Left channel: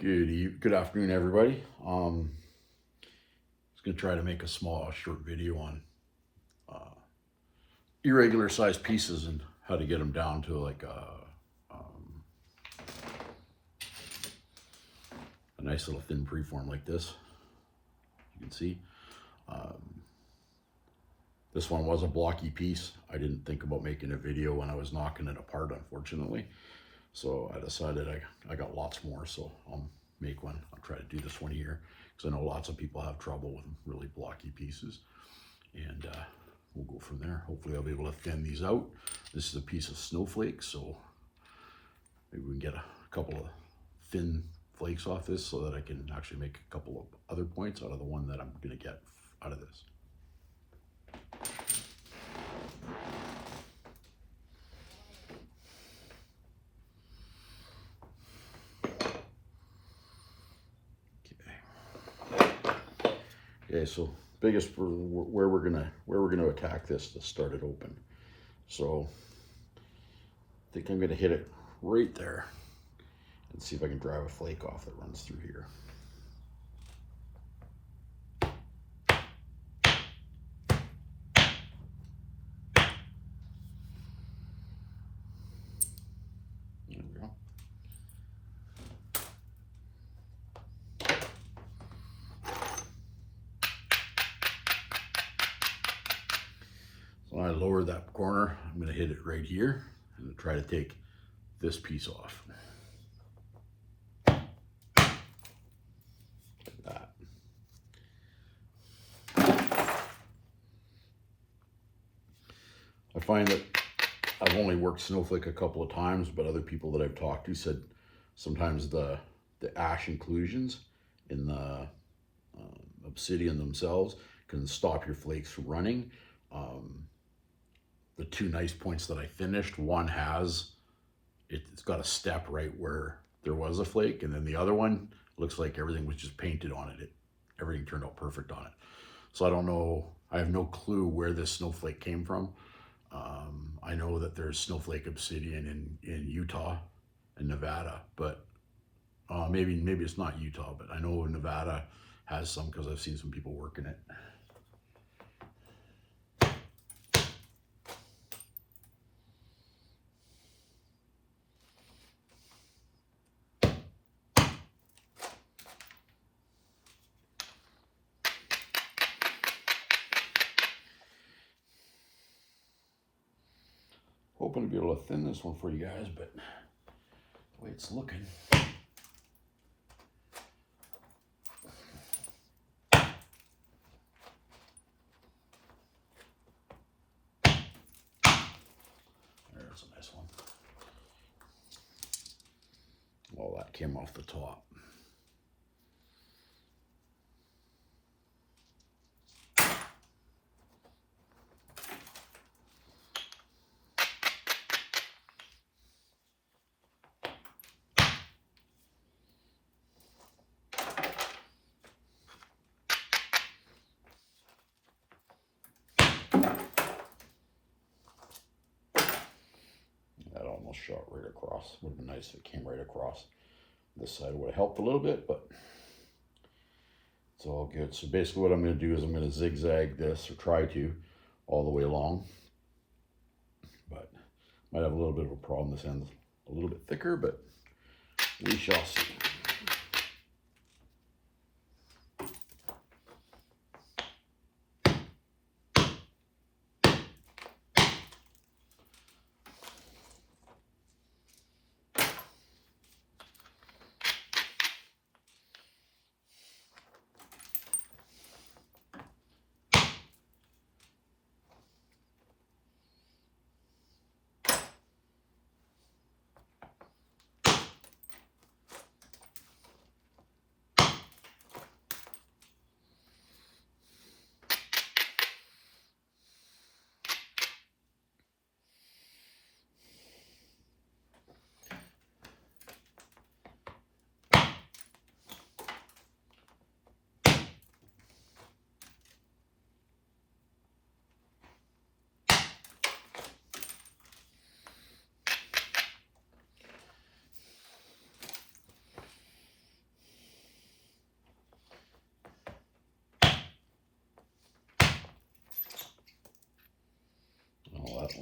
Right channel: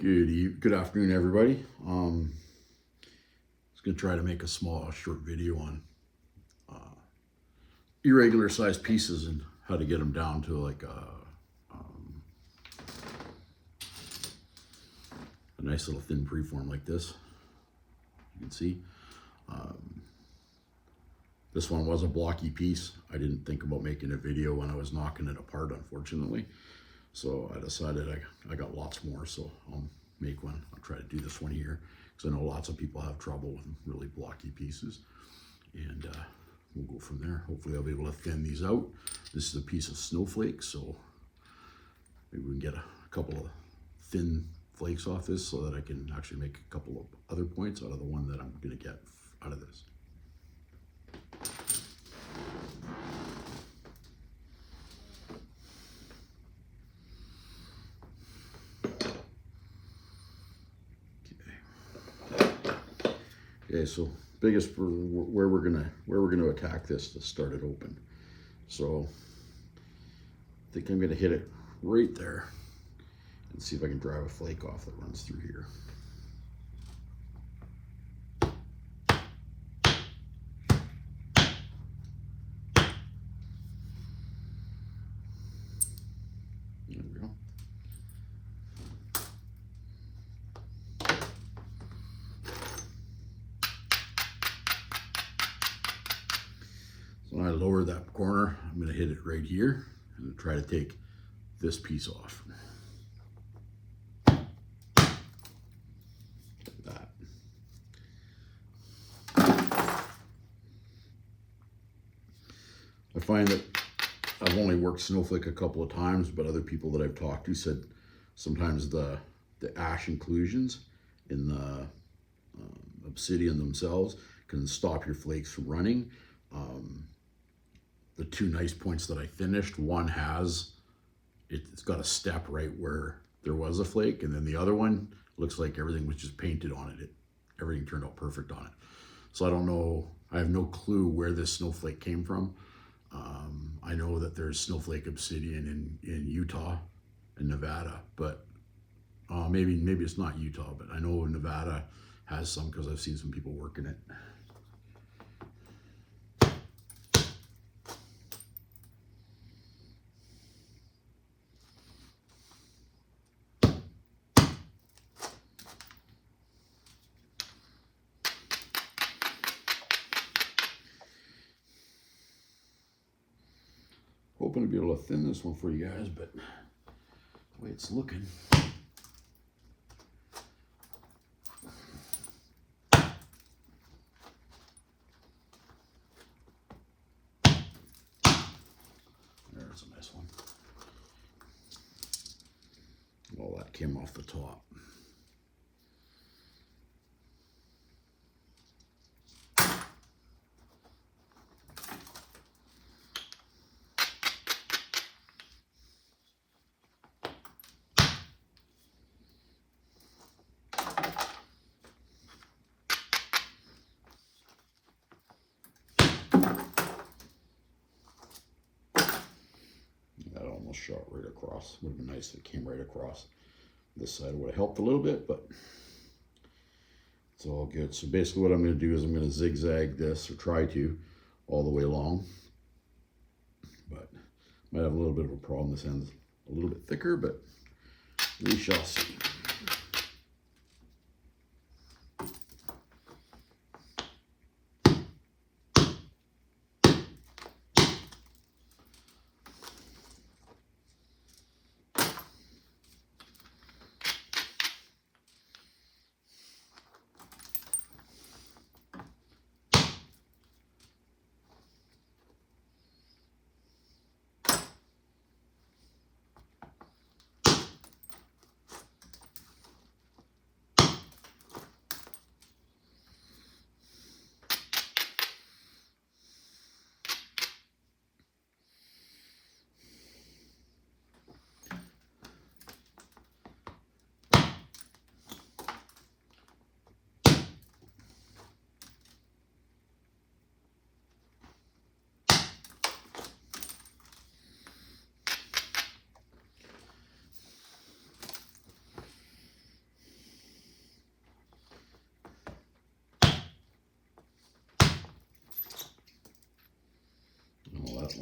Good afternoon, everybody. I was gonna try to make a small, short video on irregular sized pieces and how to get them down to like a nice little thin preform like this. You can see this one was a blocky piece. I didn't think about making a video when I was knocking it apart, unfortunately. So I decided I got lots more, so I'll make one. I'll try to do this one here because I know lots of people have trouble with really blocky pieces, and we'll go from there. Hopefully I'll be able to thin these out. This is a piece of snowflake, so maybe we can get a couple of thin flakes off this so that I can actually make a couple of other points out of the one that I'm going to get out of this. Okay, so biggest for where we're gonna attack this to start it open. So I think I'm gonna hit it right there and see if I can drive a flake off that runs through here. There we go. So when I lower that corner, I'm going to hit it right here and try to take this piece off. Like that. I find that I've only worked Snowflake a couple of times, but other people that I've talked to said sometimes the ash inclusions in the Obsidian themselves can stop your flakes from running. The two nice points that I finished, one has, it's got a step right where there was a flake, and then the other one looks like everything was just painted on it. Everything turned out perfect on it. So I don't know, I have no clue where this snowflake came from. I know that there's Snowflake Obsidian in Utah and Nevada, but maybe it's not Utah, but I know Nevada has some because I've seen some people working it. Hoping to be able to thin this one for you guys, but the way it's looking. There's a nice one. Well, that came off the top. That almost shot right across. Would have been nice if it came right across. This side would have helped a little bit, but it's all good. So basically what I'm going to do is I'm going to zigzag this, or try to, all the way along. But might have a little bit of a problem. This end's a little bit thicker, but we shall see.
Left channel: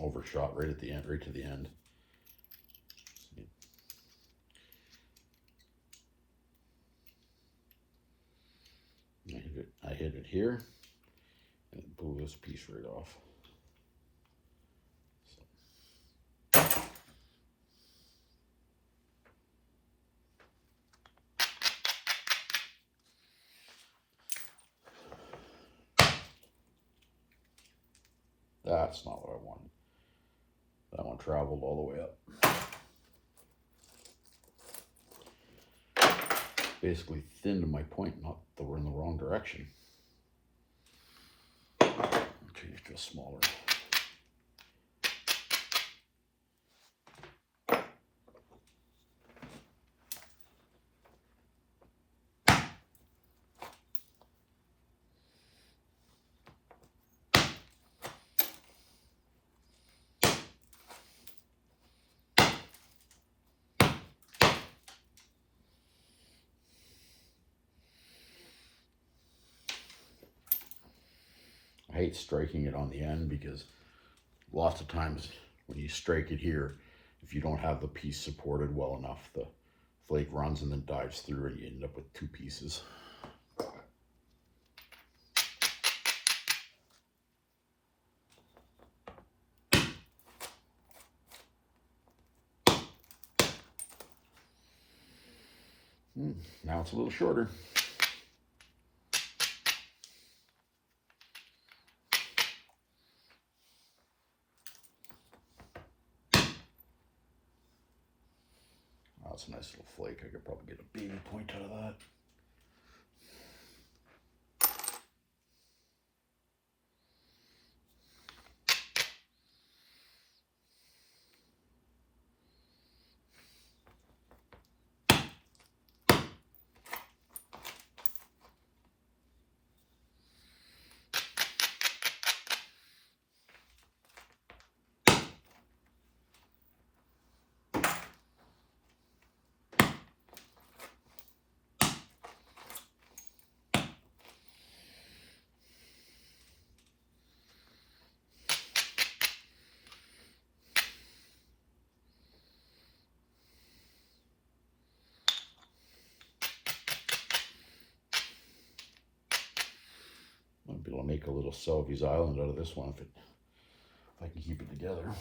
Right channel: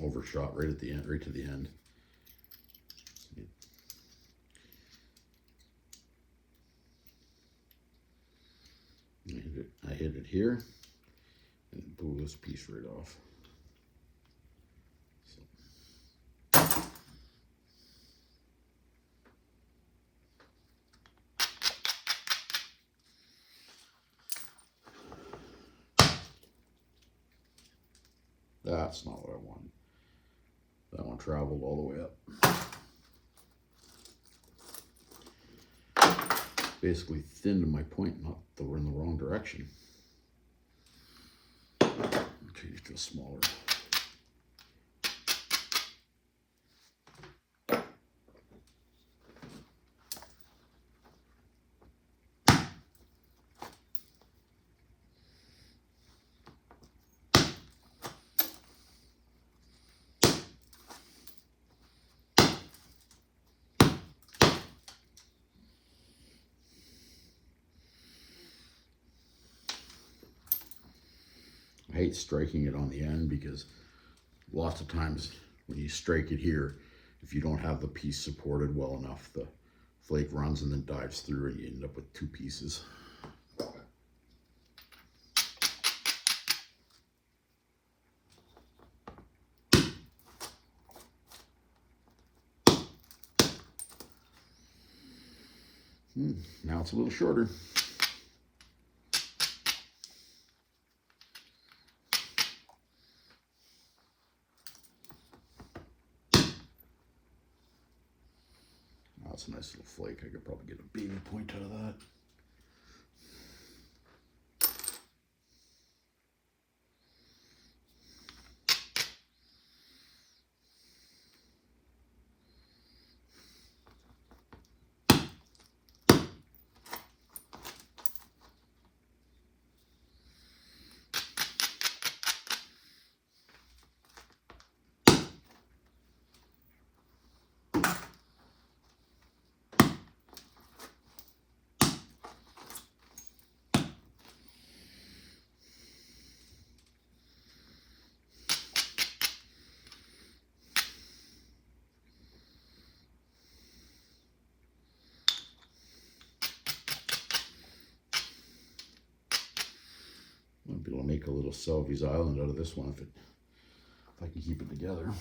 overshot right at the end, right to the end. I hit it here, and it blew this piece right off. That's not what I wanted. That one traveled all the way up. Basically thinned my point, not that we're in the wrong direction. Change to a smaller. I hate striking it on the end because lots of times when you strike it here, if you don't have the piece supported well enough, the flake runs and then dives through and you end up with two pieces. Now it's a little shorter. That's a nice little flake. I could probably get a baby point out of that. Might be able to make a little Selby's Island out of this one if I can keep it together.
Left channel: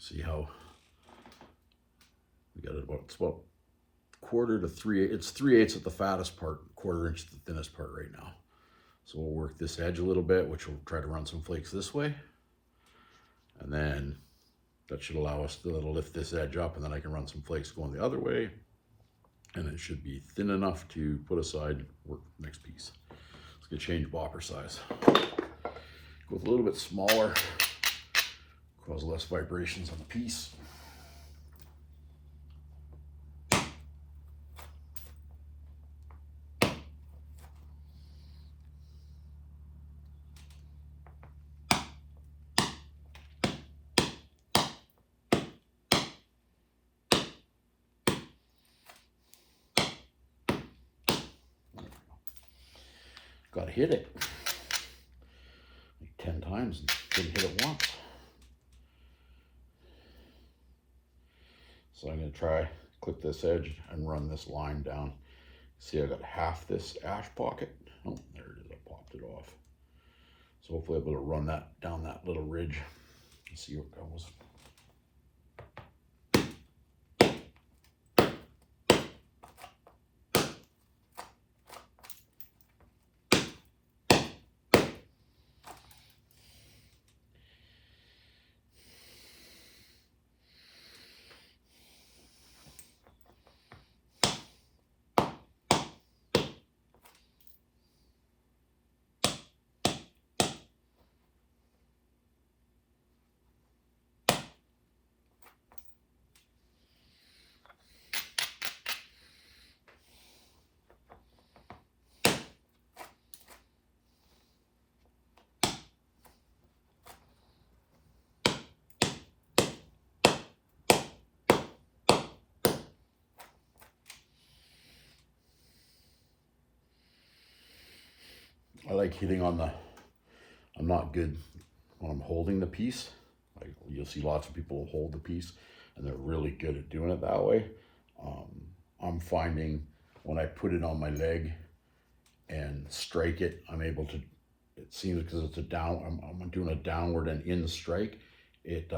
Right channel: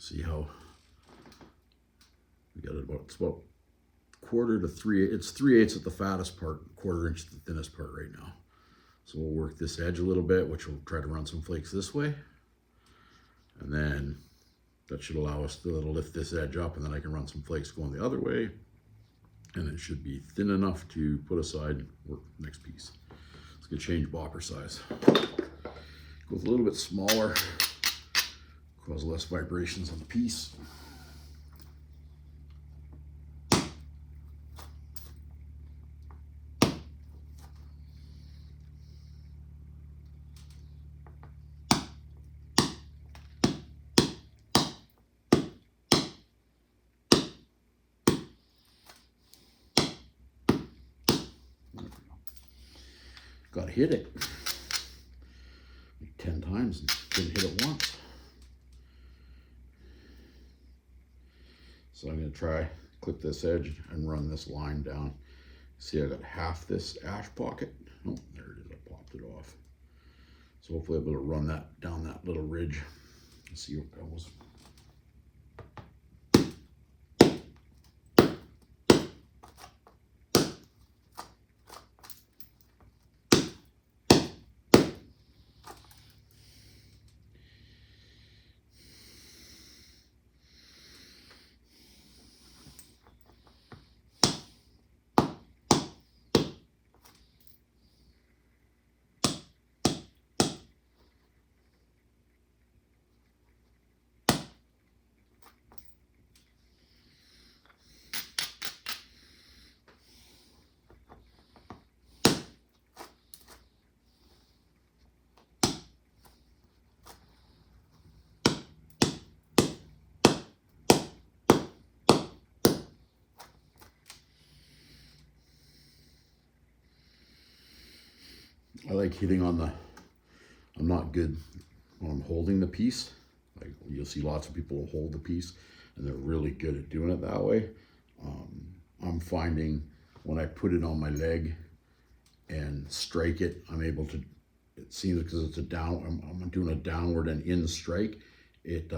See how we got it about, it's about quarter to 3/8. It's 3/8 at the fattest part, quarter inch at the thinnest part right now. So we'll work this edge a little bit, which will try to run some flakes this way. And then that should allow us to lift this edge up, and then I can run some flakes going the other way. And it should be thin enough to put aside, work next piece. It's gonna change bopper size. Go with a little bit smaller, cause less vibrations on the piece. Got to hit it like 10 times and didn't hit it once. So I'm going to try clip this edge and run this line down. See, I got half this ash pocket. Oh, there it is. I popped it off. So hopefully I'll be able to run that down that little ridge and see what goes. I like hitting on the, I'm not good when I'm holding the piece. Like you'll see lots of people hold the piece and they're really good at doing it that way. I'm finding when I put it on my leg and strike it, I'm able to, it seems because it's a down, I'm doing a downward and in strike, it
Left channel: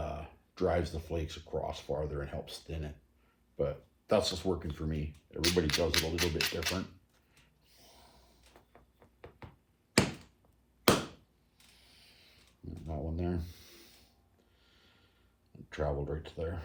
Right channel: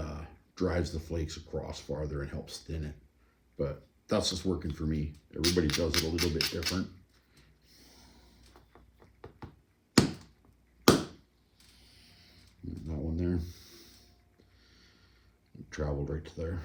drives the flakes across farther and helps thin it. But that's just working for me. Everybody does it a little bit different. That one there, it traveled right to there.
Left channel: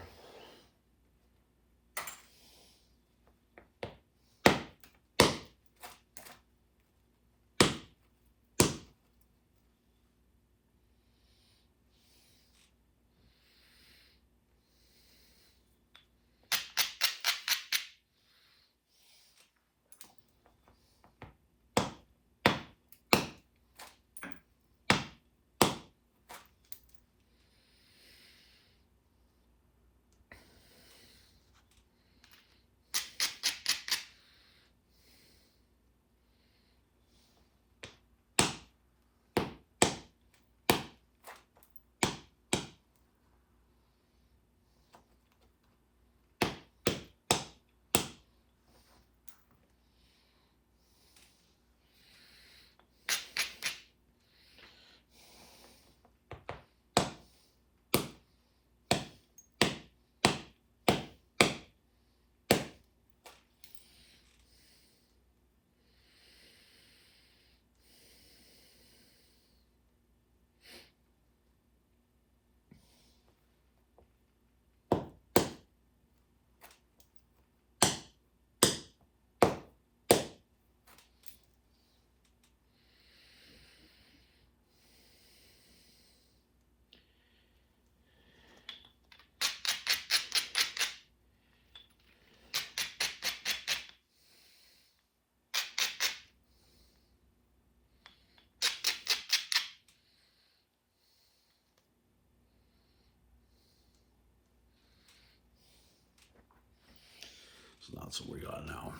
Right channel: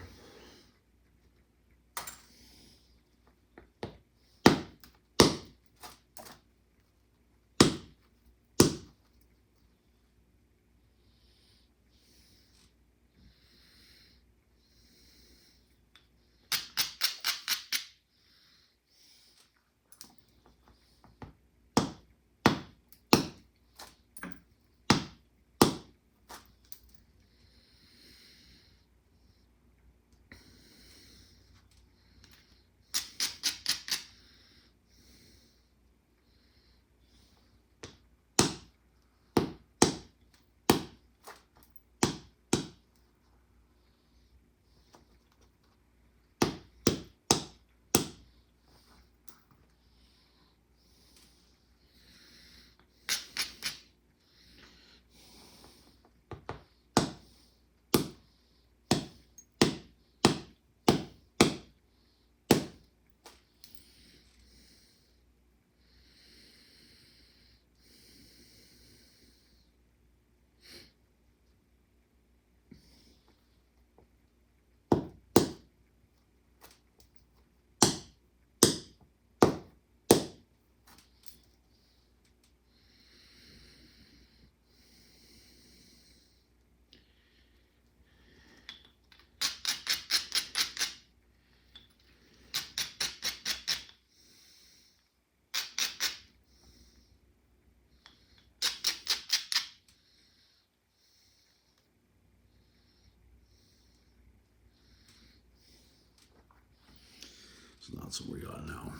So that's what we got now.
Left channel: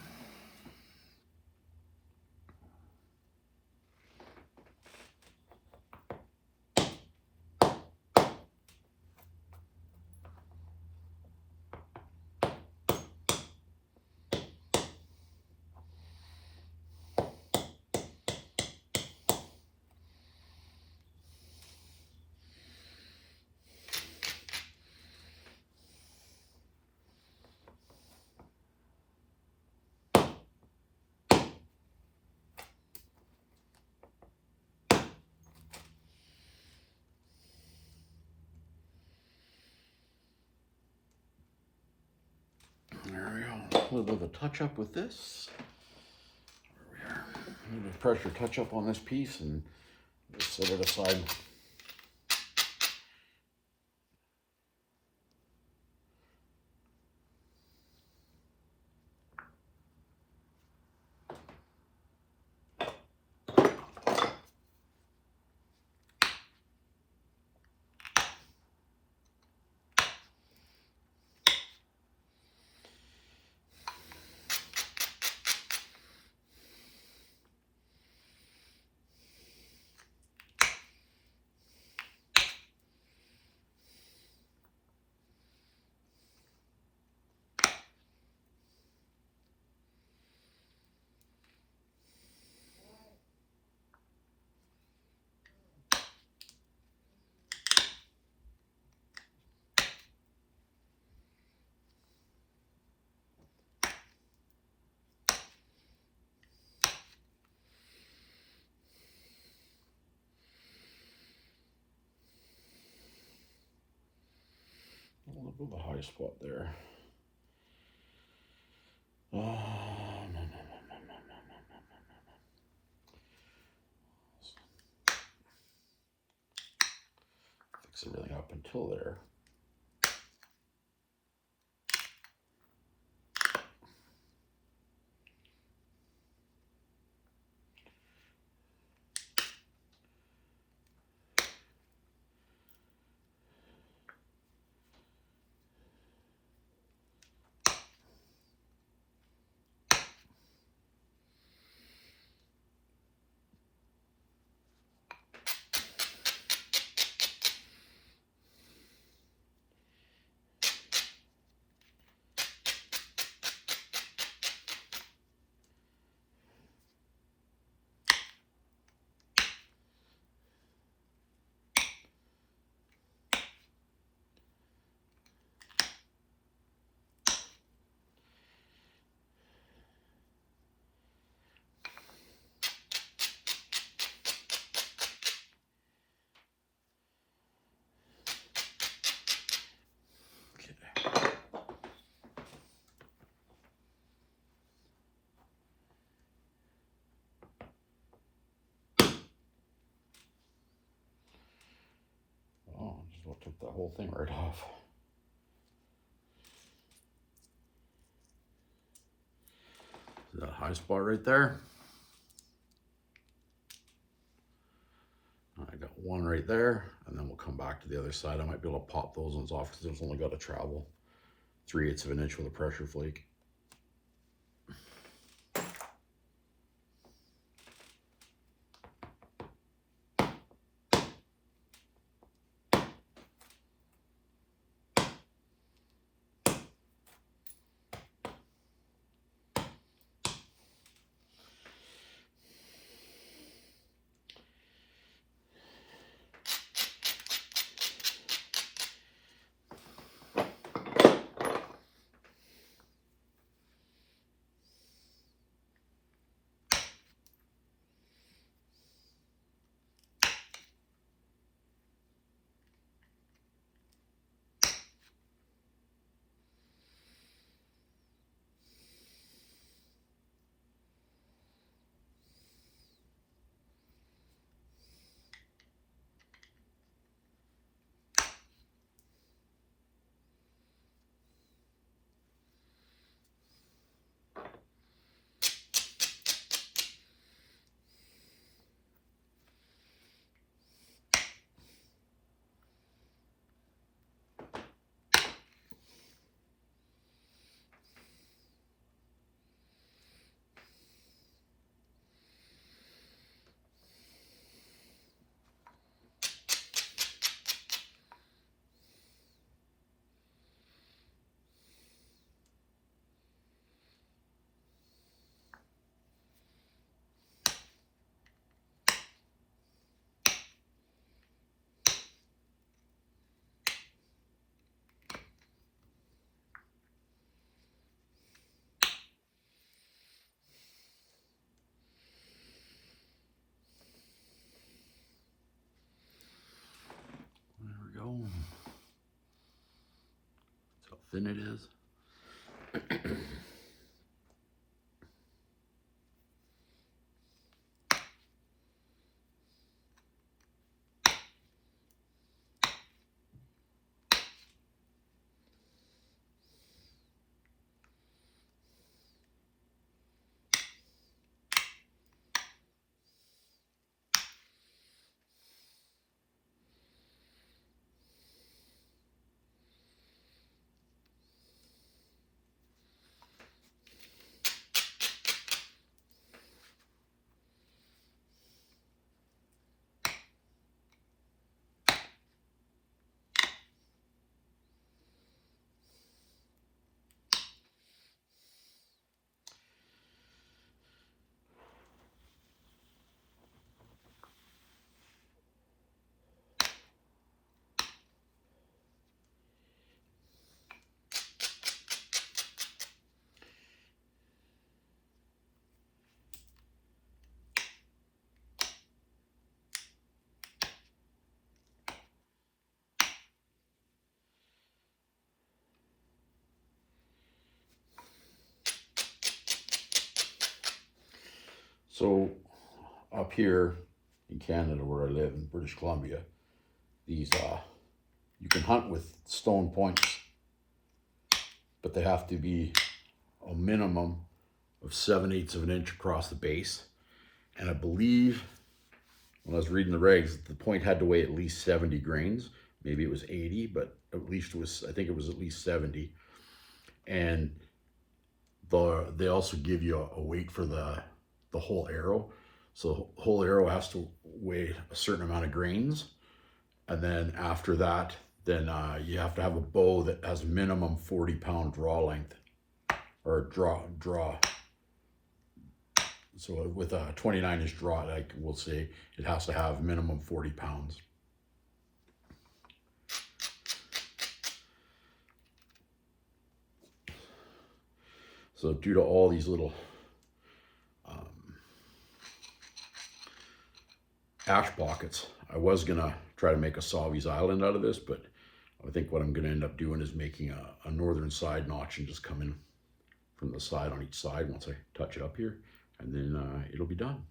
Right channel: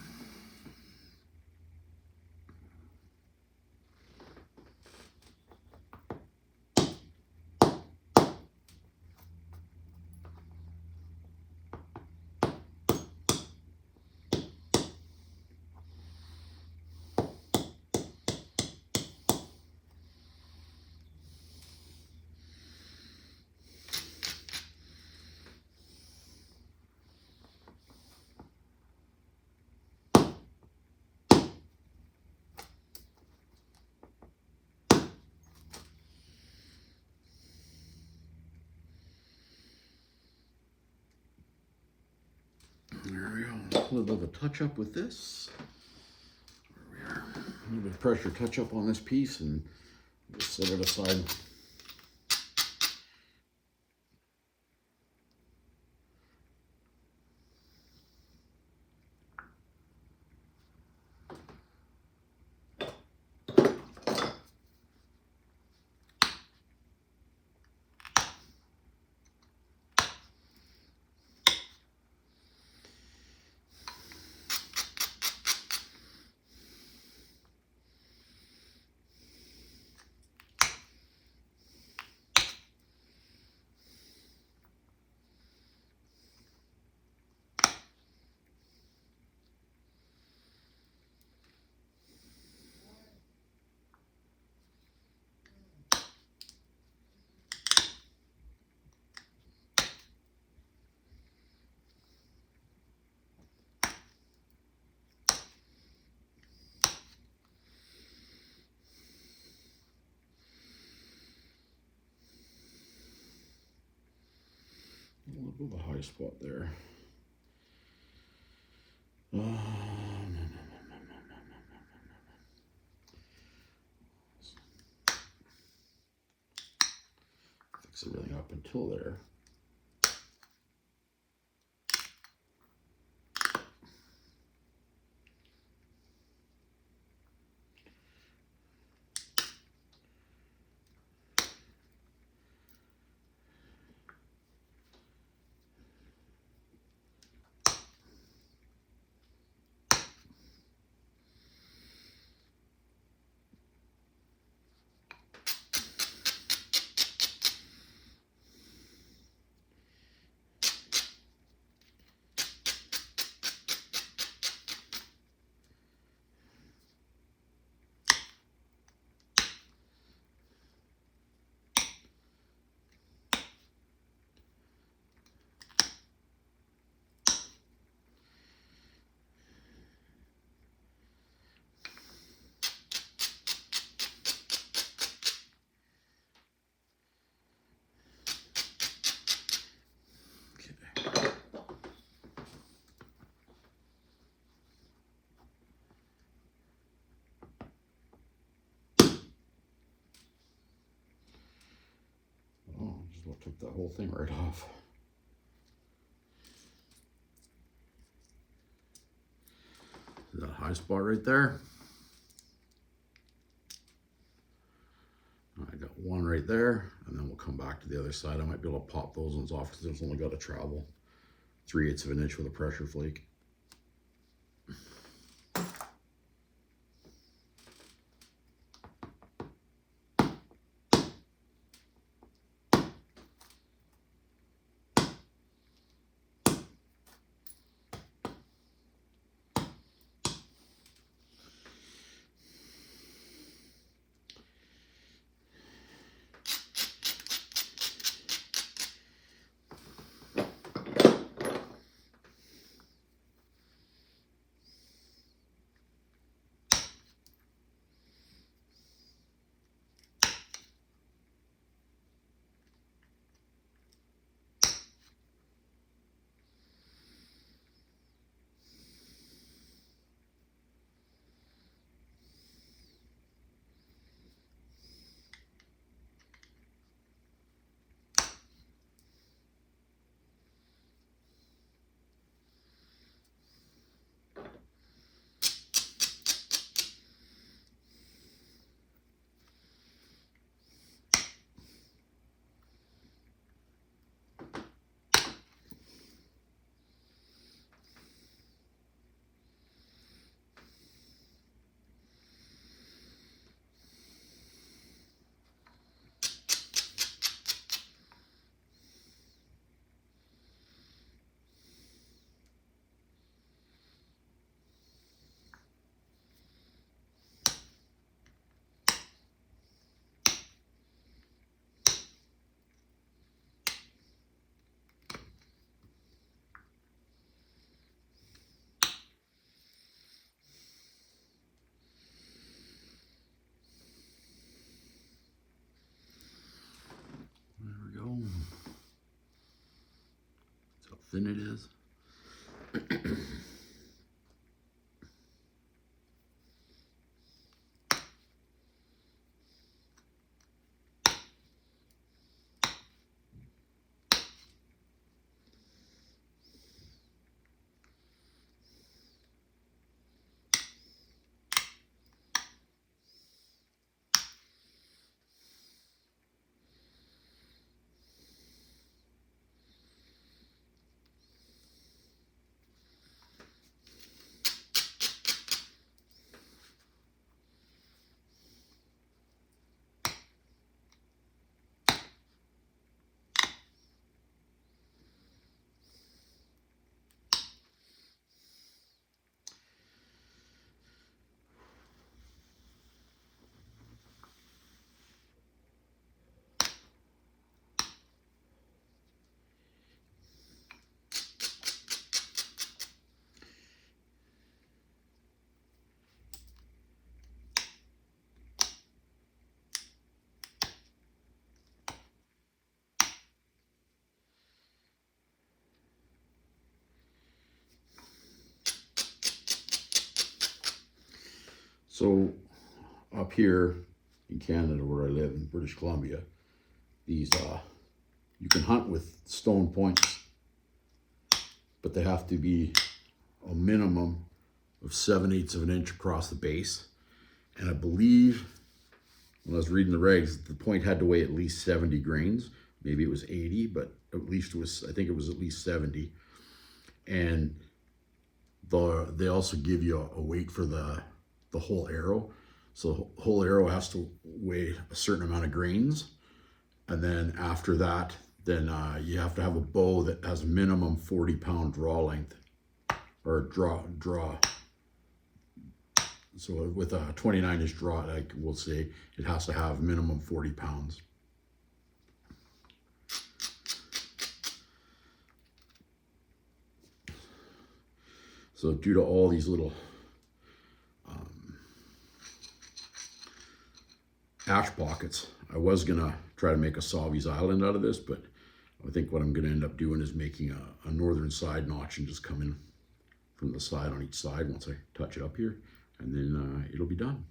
There we go. A little bit of a touch up with this. There we are. A little bit of pressure touch up on this piece and just set it aside. A little bit of a high spot there. No, no, no, no, no, no, no, no, no. Fix everything up until there. well took that whole thing right off. That high spot right there. I got one right there, and then we'll come back to the other side. I might be able to pop those ones off because it's only got to travel 3/8 of an inch with a pressure flake. There we go. That's how thin it is. So up here in Canada where I live in British Columbia, these you can hunt with stone points, but they have to be a minimum of 7/8 of an inch across the base. And I believe when I was reading the regs, the point had to weigh at least 70 grains. Maybe it was 80, but at least it was, I think it was at least 70. And they also give you a weight for the whole arrow. So the whole arrow has to weigh a certain amount of grains. And then after that, then you have to have a bow that has a minimum 40-pound draw length, or draw. So with a 29-inch draw, like we'll say, it has to have minimum 40 pounds. So due to all these little ash pockets, I was gonna try to make a Savi's Island out of this, but I think what I'm gonna end up doing is making a northern side notch and just come in from the side on each side once I touch it up here, and then it'll be done.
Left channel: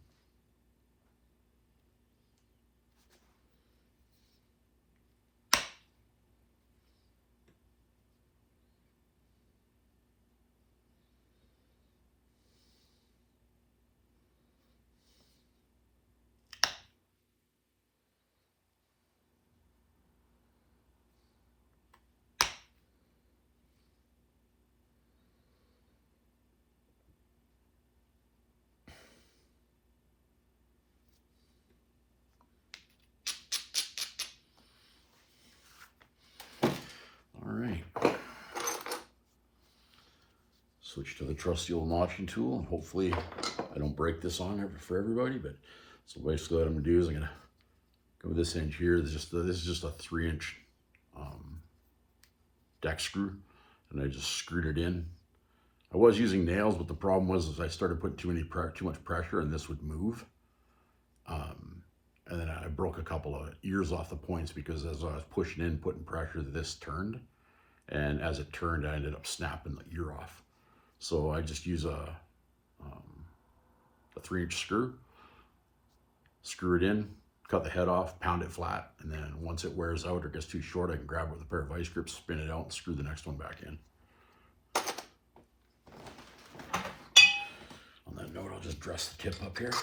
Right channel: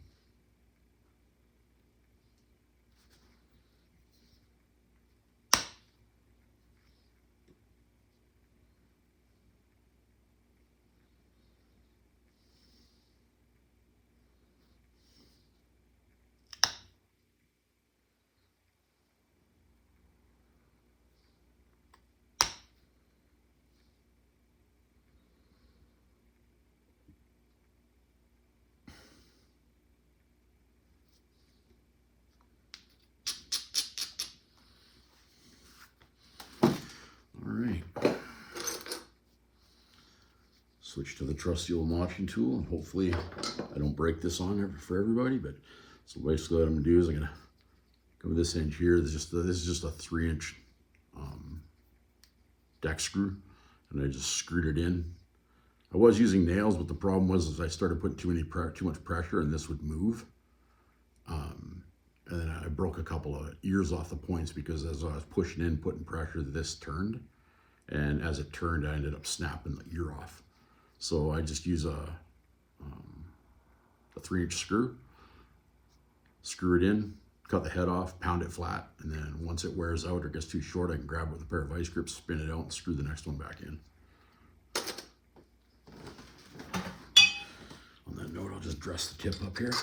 switch to the trusty old notching tool, and hopefully I don't break this on for everybody. But so basically what I'm gonna do is I'm gonna go with this inch here. This is just a 3-inch deck screw, and I just screwed it in. I was using nails, but the problem was I started putting too much pressure, and this would move. And then I broke a couple of ears off the points because as I was pushing in, putting pressure, this turned. And as it turned, I ended up snapping the ear off. So I just use a 3-inch screw, screw it in, cut the head off, pound it flat, and then once it wears out or gets too short, I can grab it with a pair of vice grips, spin it out, and screw the next one back in. On that note, I'll just dress the tip up here.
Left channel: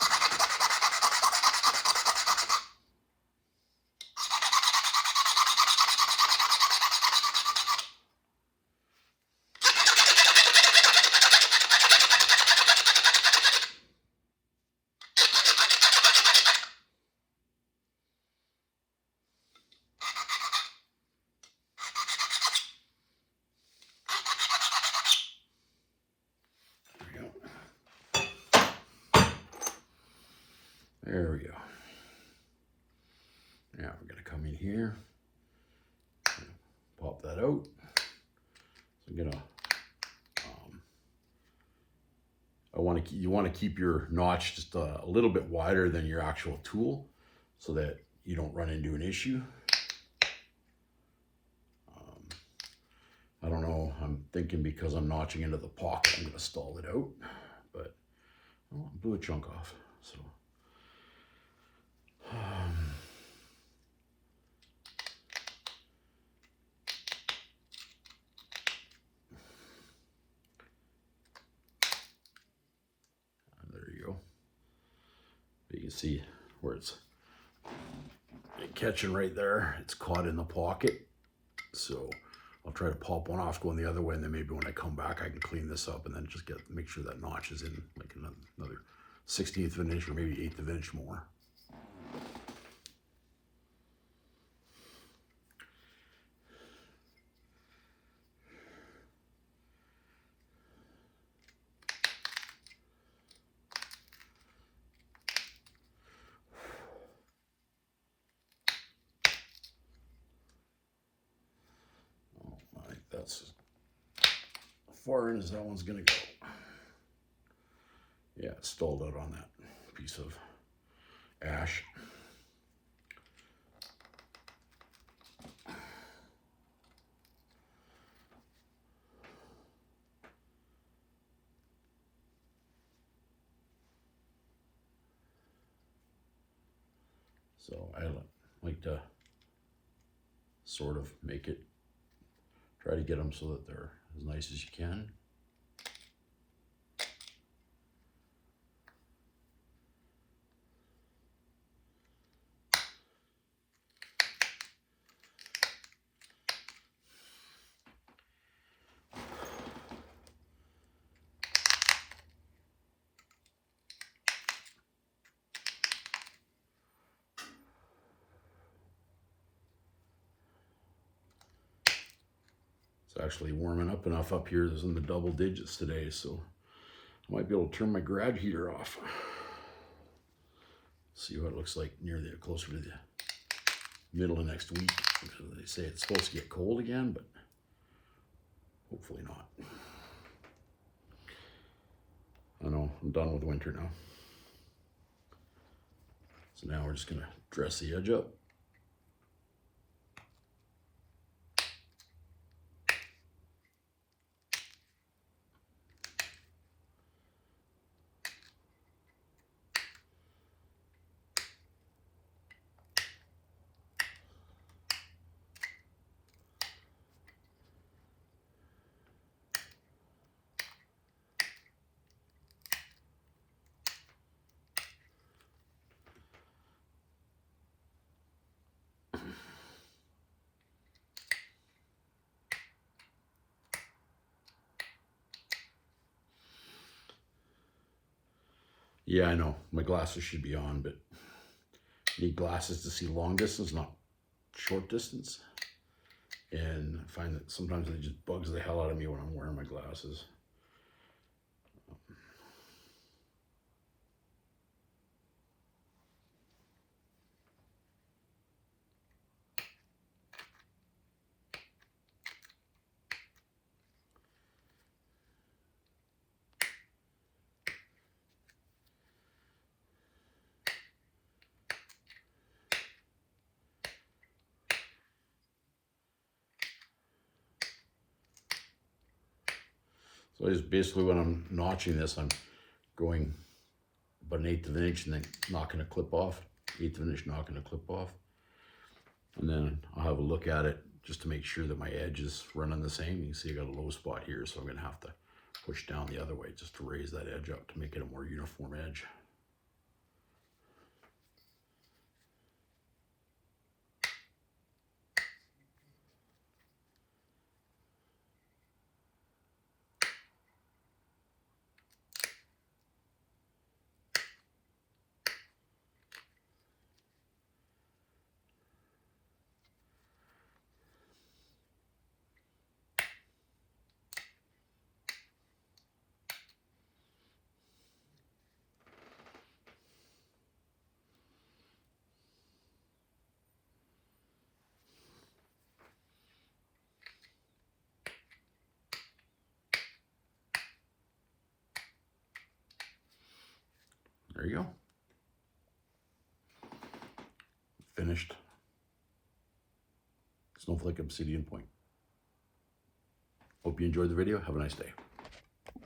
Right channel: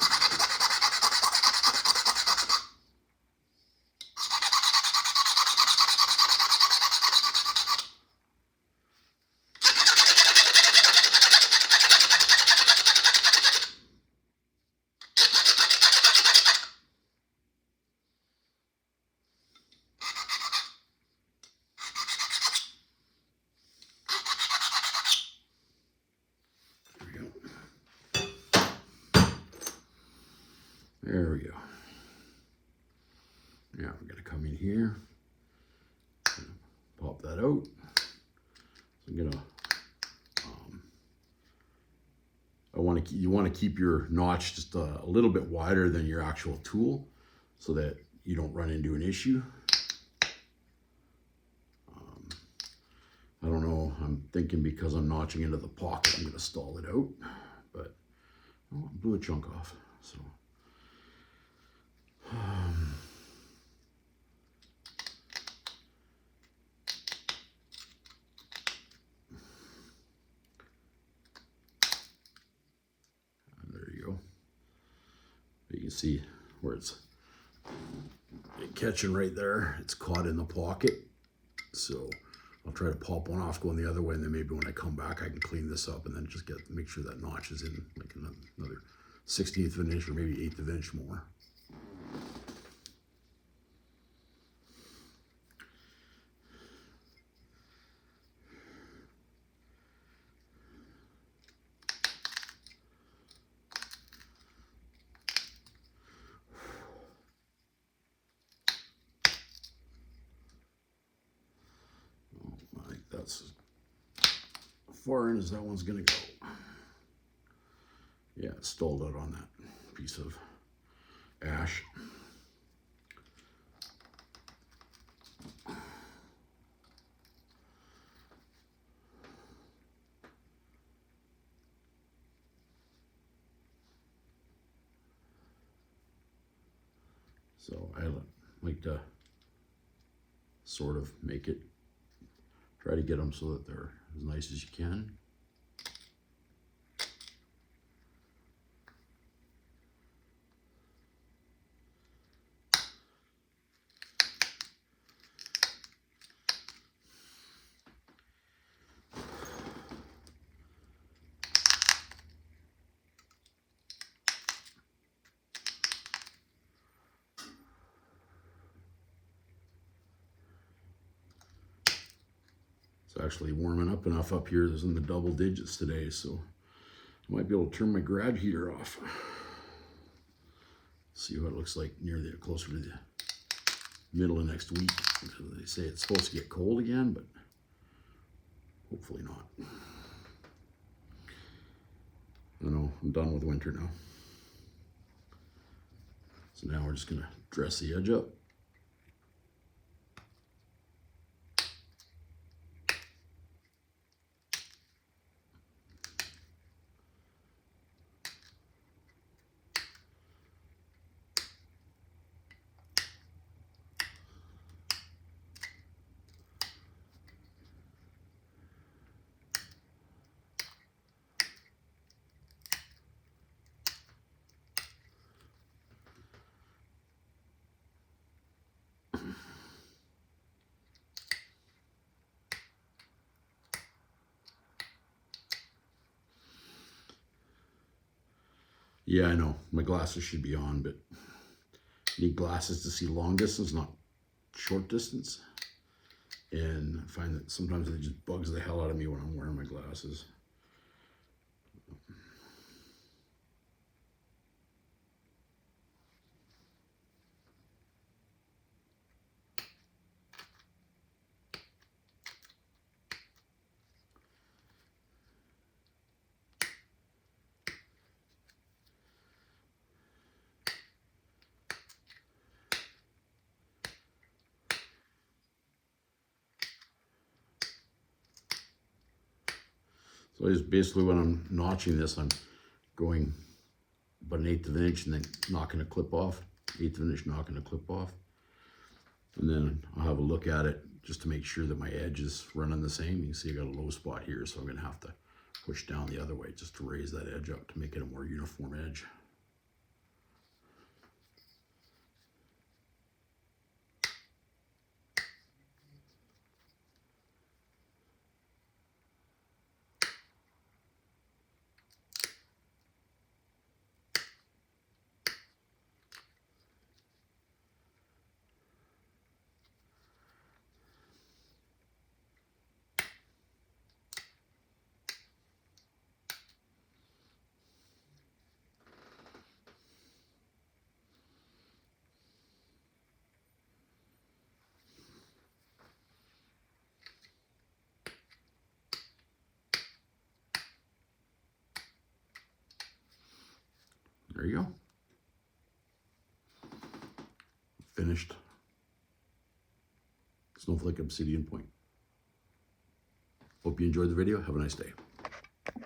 There we go. Now we're gonna come in here, pop that out. So I'm gonna, you want to keep your notch just a little bit wider than your actual tool, so that you don't run into an issue. I don't know. I'm thinking because I'm notching into the pocket, I'm gonna stall it out, but I blew a chunk off. So. There you go. But you can see where it's catching right there. It's caught in the pocket. So I'll try to pop one off going the other way, and then maybe when I come back I can clean this up and then just make sure that notch is in like another 1/16 of an inch or maybe 1/8 of an inch more. That's as far in as that one's gonna go. Yeah, it stalled out on that piece of ash. So I like to sort of try to get them so that they're as nice as you can. It's actually warming up enough up here. It's in the double digits today, so I might be able to turn my garage heater off. See what it looks like closer to the middle of next week. Because they say it's supposed to get cold again, but hopefully not. I know, I'm done with winter now. So now we're just gonna dress the edge up. Yeah, I know, my glasses should be on, but I need glasses to see long distance, not short distance. And I find that sometimes it just bugs the hell out of me when I'm wearing my glasses. So it's basically when I'm notching this, I'm going about 1/8 of an inch and then knocking a clip off, 1/8 of an inch, knocking a clip off. And then I'll have a look at it just to make sure that my edge is running the same. You can see I got a low spot here, so I'm gonna have to push down the other way just to raise that edge up to make it a more uniform edge. There you go. Finished Snowflake Obsidian point. Hope you enjoyed the video. Have a nice day.